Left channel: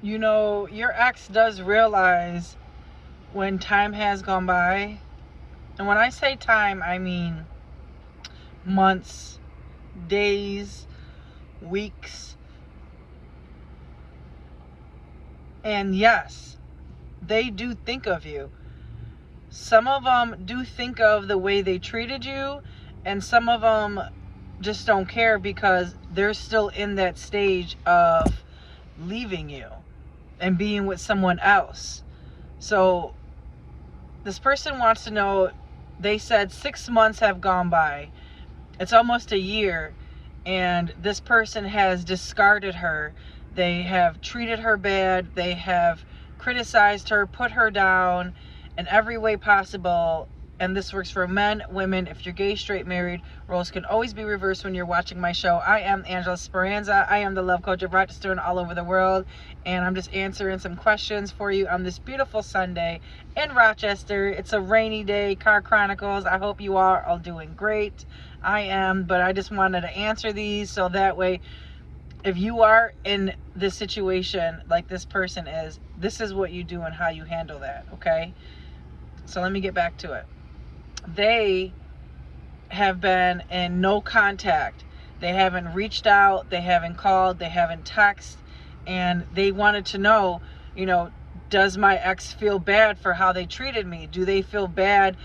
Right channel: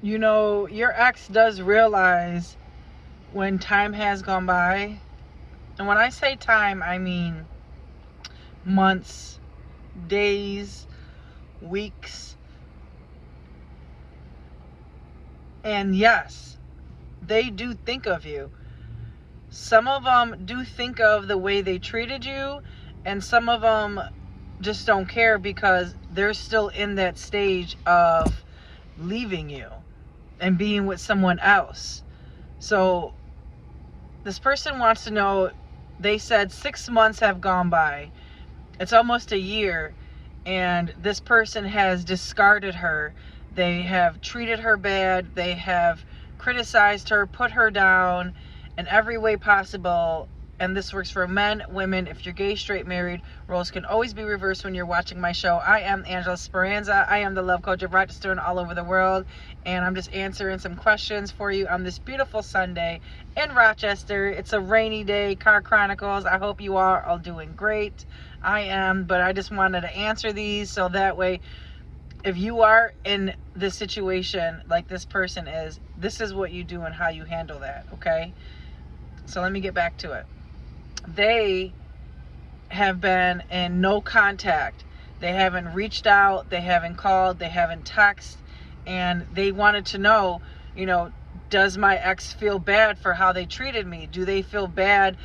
You know, your ex does realize when time has gone by. And when I say time, I mean months, days, weeks. And yes, they do think of you. Some of them do think of the way they treated you, and some of them just don't care because they're still in that stage of leaving you and being with someone else. So this person wants to know, they said 6 months have gone by. It's almost a year, and this person has discarded her. They have treated her bad. They have criticized her, put her down in every way possible. And this works for men, women. If you're gay, straight, married, roles can always be reversed when you're watching my show. I am Angela Speranza. I am the love coach of Rochester and all over the world. And I'm just answering some questions for you on this beautiful Sunday in Rochester. It's a rainy day, Car Chronicles. I hope you are all doing great. I am, but I just wanted to answer these so that way, if you are in this situation like this person is, this is what you do and how you handle that, okay? So let me get back to it. They have been in no contact. They haven't reached out, they haven't called, they haven't texted, and they wanted to know, does my ex feel bad for how they treated me? Do they feel bad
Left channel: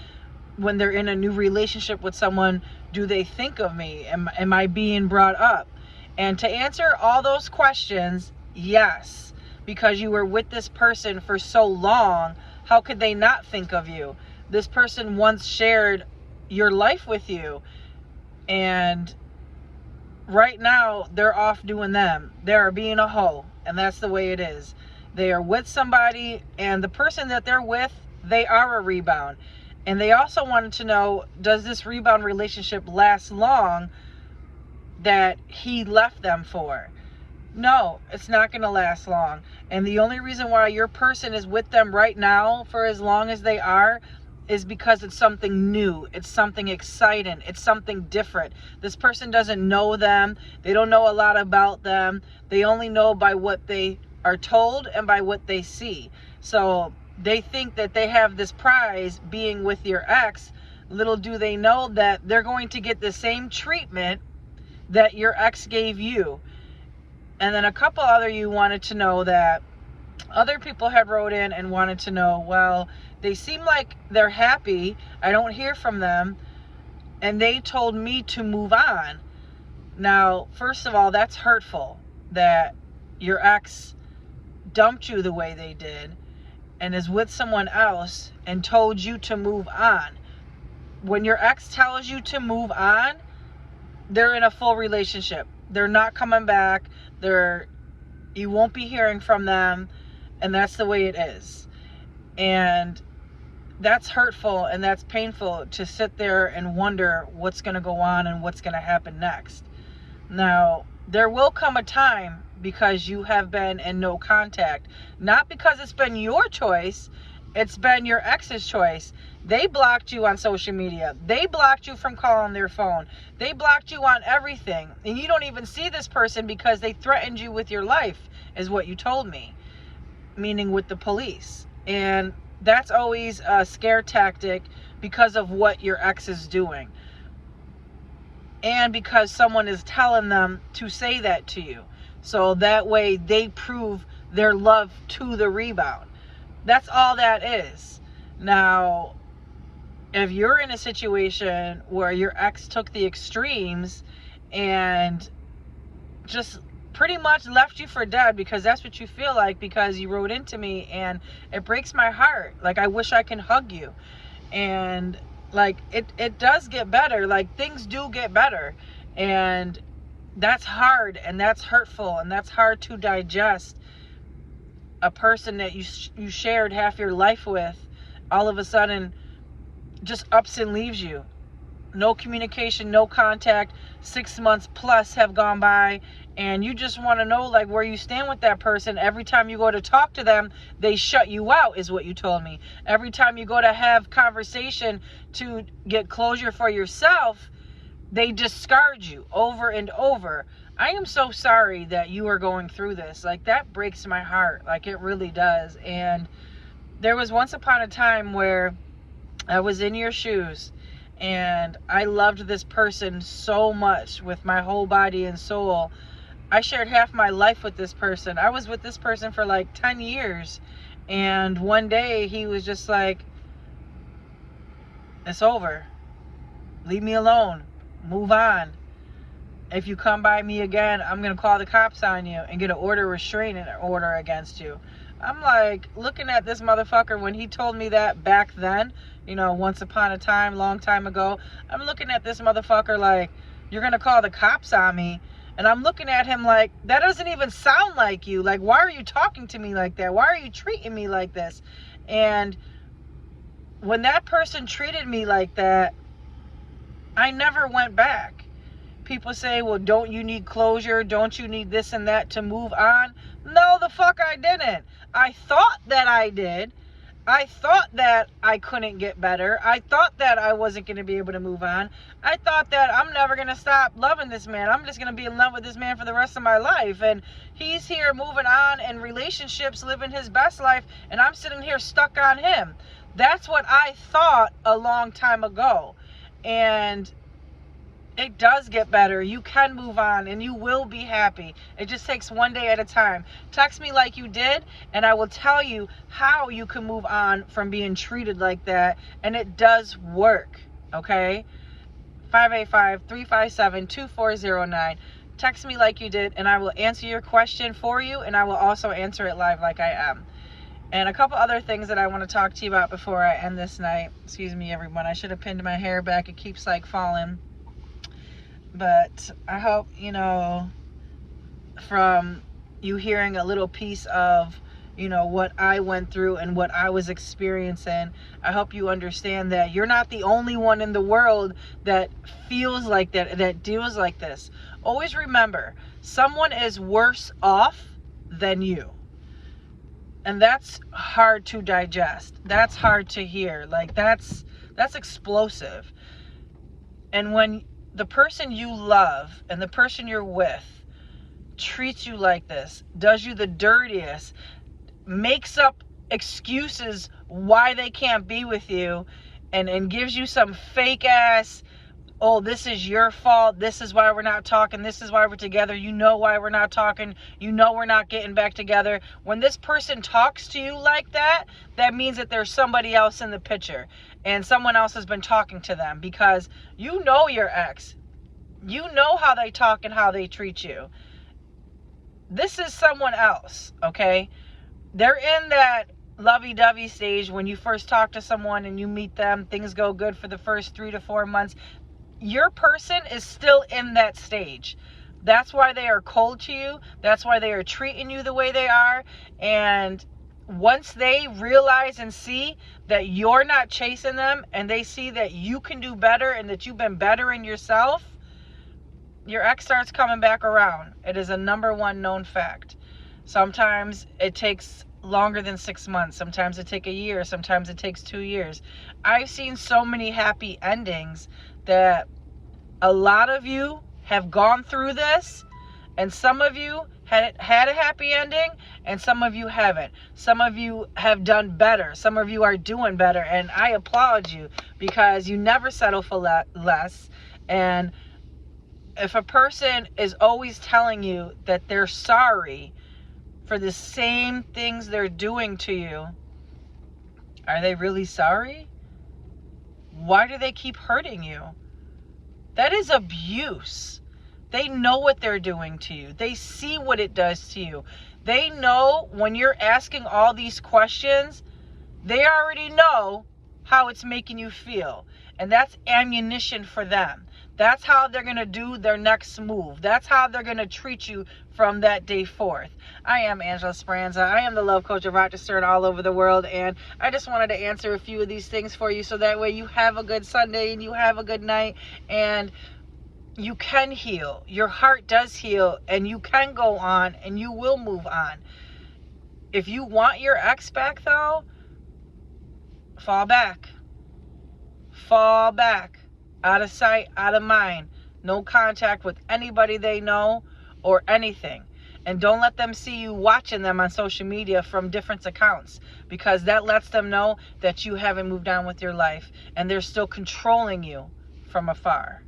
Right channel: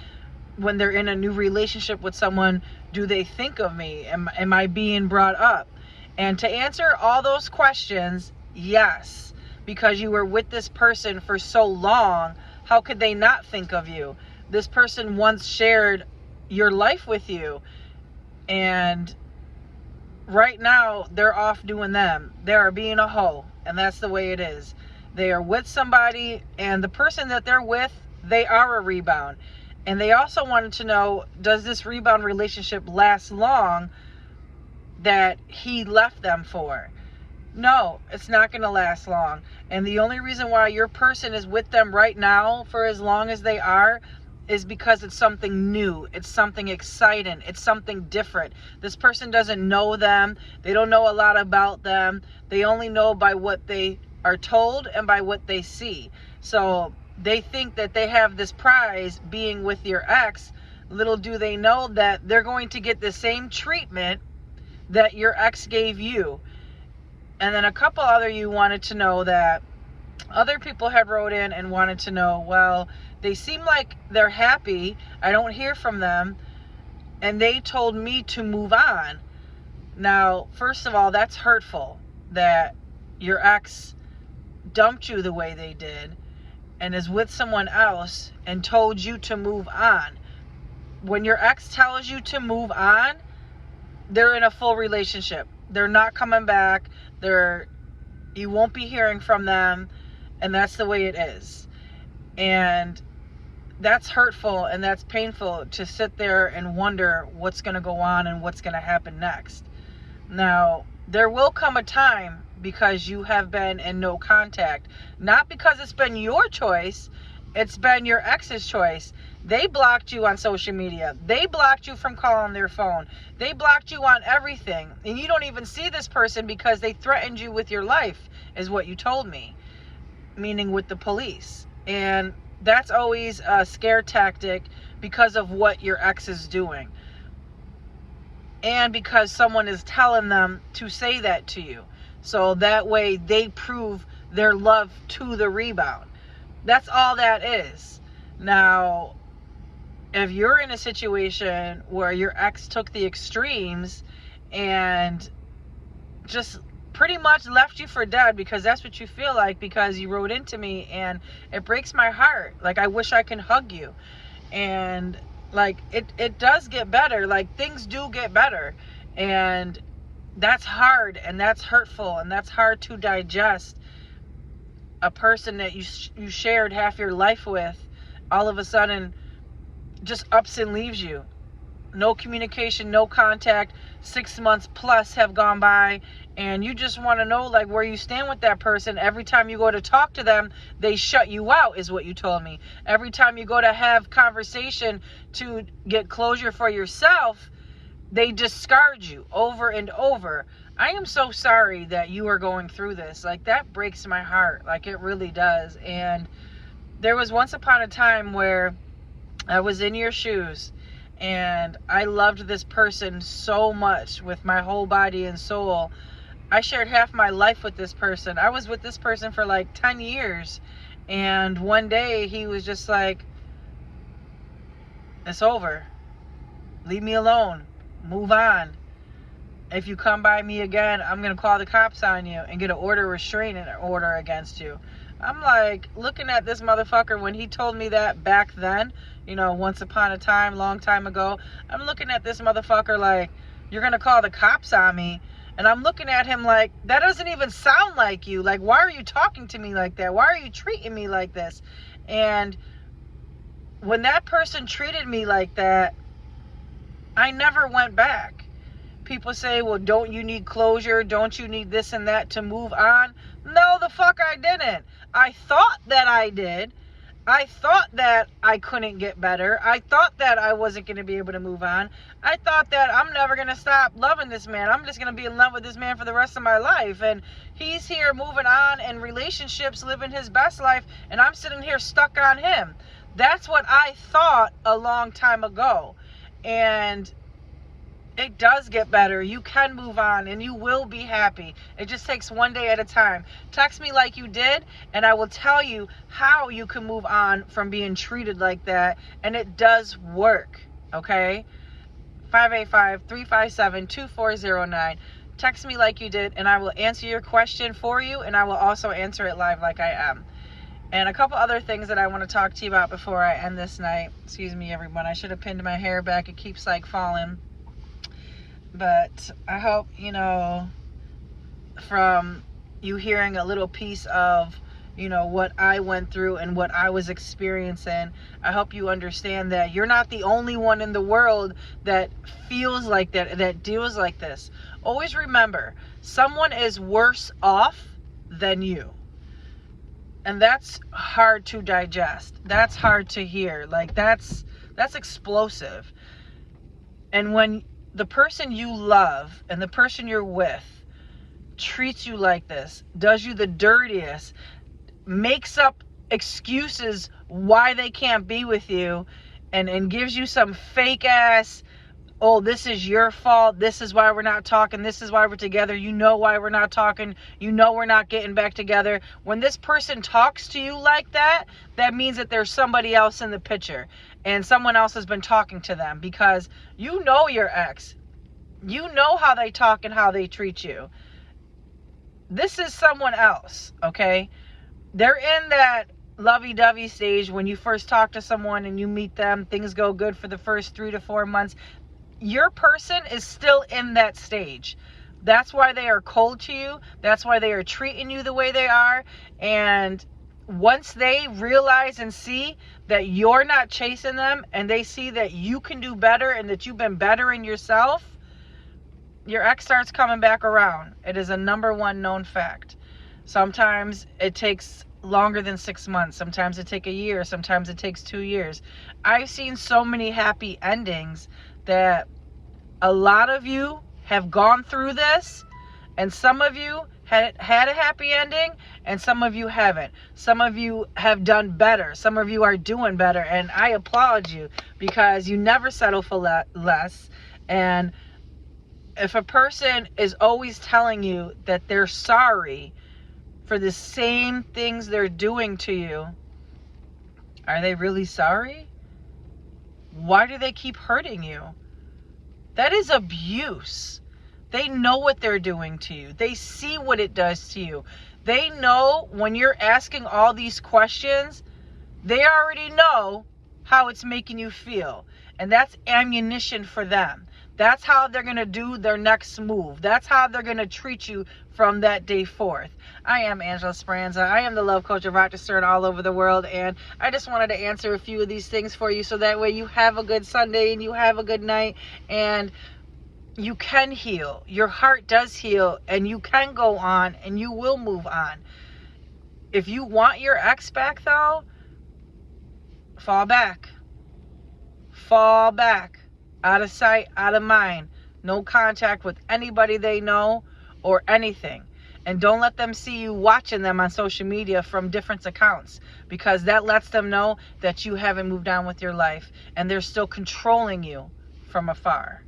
when they're in a new relationship with someone? Do they think of me? Am I being brought up? And to answer all those questions, yes, because you were with this person for so long, how could they not think of you? This person once shared your life with you, and right now they're off doing them. They are being a hoe, and that's the way it is. They are with somebody, and the person that they're with, they are a rebound. And they also wanted to know, does this rebound relationship last long that he left them for? No, it's not going to last long. And the only reason why your person is with them right now for as long as they are is because it's something new. It's something exciting. It's something different. This person doesn't know them. They don't know a lot about them. They only know by what they are told and by what they see. So they think that they have this prize being with your ex. Little do they know that they're going to get the same treatment that your ex gave you. And then a couple other you wanted to know that other people had wrote in and wanted to know, well, they seem like they're happy. I don't hear from them. And they told me to move on. Now, first of all, that's hurtful that your ex dumped you the way they did and is with someone else and told you to move on. When your ex tells you to move on, they're in a full relationship. They're not coming back. You won't be hearing from them, and that's the way it is. And that's hurtful and that's painful to sit there and wonder what's going to go on and what's going to happen next. Now, there will come a time, because you have been in no contact, not because it's been your choice, it's been your ex's choice. They blocked you on social media. They blocked you from calling their phone. They blocked you on everything. And you don't even see this person because they threatened you with your life, is what you told me, meaning with the police. And that's always a scare tactic because of what your ex is doing. And because someone is telling them to say that to you. So that way they prove their love to the rebound. That's all that is. Now, if you're in a situation where your ex took the extremes and just pretty much left you for dead, because that's what you feel like, because you wrote into me, and it breaks my heart. Like, I wish I can hug you. And like, it does get better. Like, things do get better. And that's hard, and that's hurtful, and that's hard to digest. A person that you shared half your life with, all of a sudden just ups and leaves you. No communication, no contact. 6 months plus have gone by, and you just want to know, like, where you stand with that person. Every time you go to talk to them, they shut you out, is what you told me. Every time you go to have conversation to get closure for yourself, they discard you over and over. I am so sorry that you are going through this. Like, that breaks my heart. Like, it really does. And there was once upon a time where I was in your shoes and I loved this person so much with my whole body and soul. I shared half my life with this person. I was with this person for like 10 years. And one day he was just like, it's over. Leave me alone. Move on. If you come by me again, I'm going to call the cops on you and get an restraining order against you. I'm like looking at this motherfucker when he told me that back then, you know, once upon a time, long time ago. I'm looking at this motherfucker like, you're going to call the cops on me. And I'm looking at him like, that doesn't even sound like you. Like, why are you talking to me like that? Why are you treating me like this? And when that person treated me like that, I never went back. People say, well, don't you need closure? Don't you need this and that to move on? No, the fuck I didn't. I thought that I did. I thought that I couldn't get better. I thought that I wasn't going to be able to move on. I thought that I'm never going to stop loving this man. I'm just going to be in love with this man for the rest of my life. And he's here moving on in relationships, living his best life, and I'm sitting here stuck on him. That's what I thought a long time ago. And it does get better. You can move on and you will be happy. It just takes one day at a time. Text me like you did and I will tell you how you can move on from being treated like that. And it does work. Okay? 585-357-2409. Text me like you did and I will answer your question for you, and I will also answer it live like I am. And a couple other things that I want to talk to you about before I end this night. Excuse me, everyone. I should have pinned my hair back. It keeps like falling. But I hope, you know, from you hearing a little piece of, you know, what I went through and what I was experiencing, I hope you understand that you're not the only one in the world that feels like that, that deals like this. Always remember, someone is worse off than you. And that's hard to digest. That's hard to hear. Like, that's explosive. And when the person you love and the person you're with treats you like this, does you the dirtiest, makes up excuses why they can't be with you, and gives you some fake ass, oh, this is your fault, this is why we're not talking, this is why we're together, you know why we're not talking, you know we're not getting back together. When this person talks to you like that, that means that there's somebody else in the picture and someone else has been talking to them, because you know your ex. You know how they talk and how they treat you. This is someone else, okay? They're in that lovey-dovey stage when you first talk to someone and you meet them, things go good for the first 3 to 4 months. Your person is still in that stage. That's why they are cold to you. That's why they are treating you the way they are. And once they realize and see that you're not chasing them, and they see that you can do better and that you've been bettering yourself, your ex starts coming back around. It is a #1 known fact. Sometimes it takes longer than 6 months. Sometimes it takes a year. Sometimes it takes 2 years. I've seen so many happy endings that a lot of you have gone through this, and some of you had a happy ending and some of you haven't. Some of you have done better. Some of you are doing better, and I applaud you, because you never settle for less. And if a person is always telling you that they're sorry for the same things they're doing to you, are they really sorry? Why do they keep hurting you? That is abuse. They know what they're doing to you. They see what it does to you. They know when you're asking all these questions, they already know how it's making you feel. And that's ammunition for them. That's how they're going to do their next move. That's how they're going to treat you from that day forth. I am Angela Speranza. I am the love coach of Rochester and all over the world. And I just wanted to answer a few of these things for you, so that way you have a good Sunday and you have a good night, and you can heal. Your heart does heal, and you can go on, and you will move on. If you want your ex back, though, fall back. Fall back. Out of sight, out of mind. No contact with anybody they know or anything. And don't let them see you watching them on social media from different accounts, because that lets them know that you haven't moved on with your life and they're still controlling you from afar.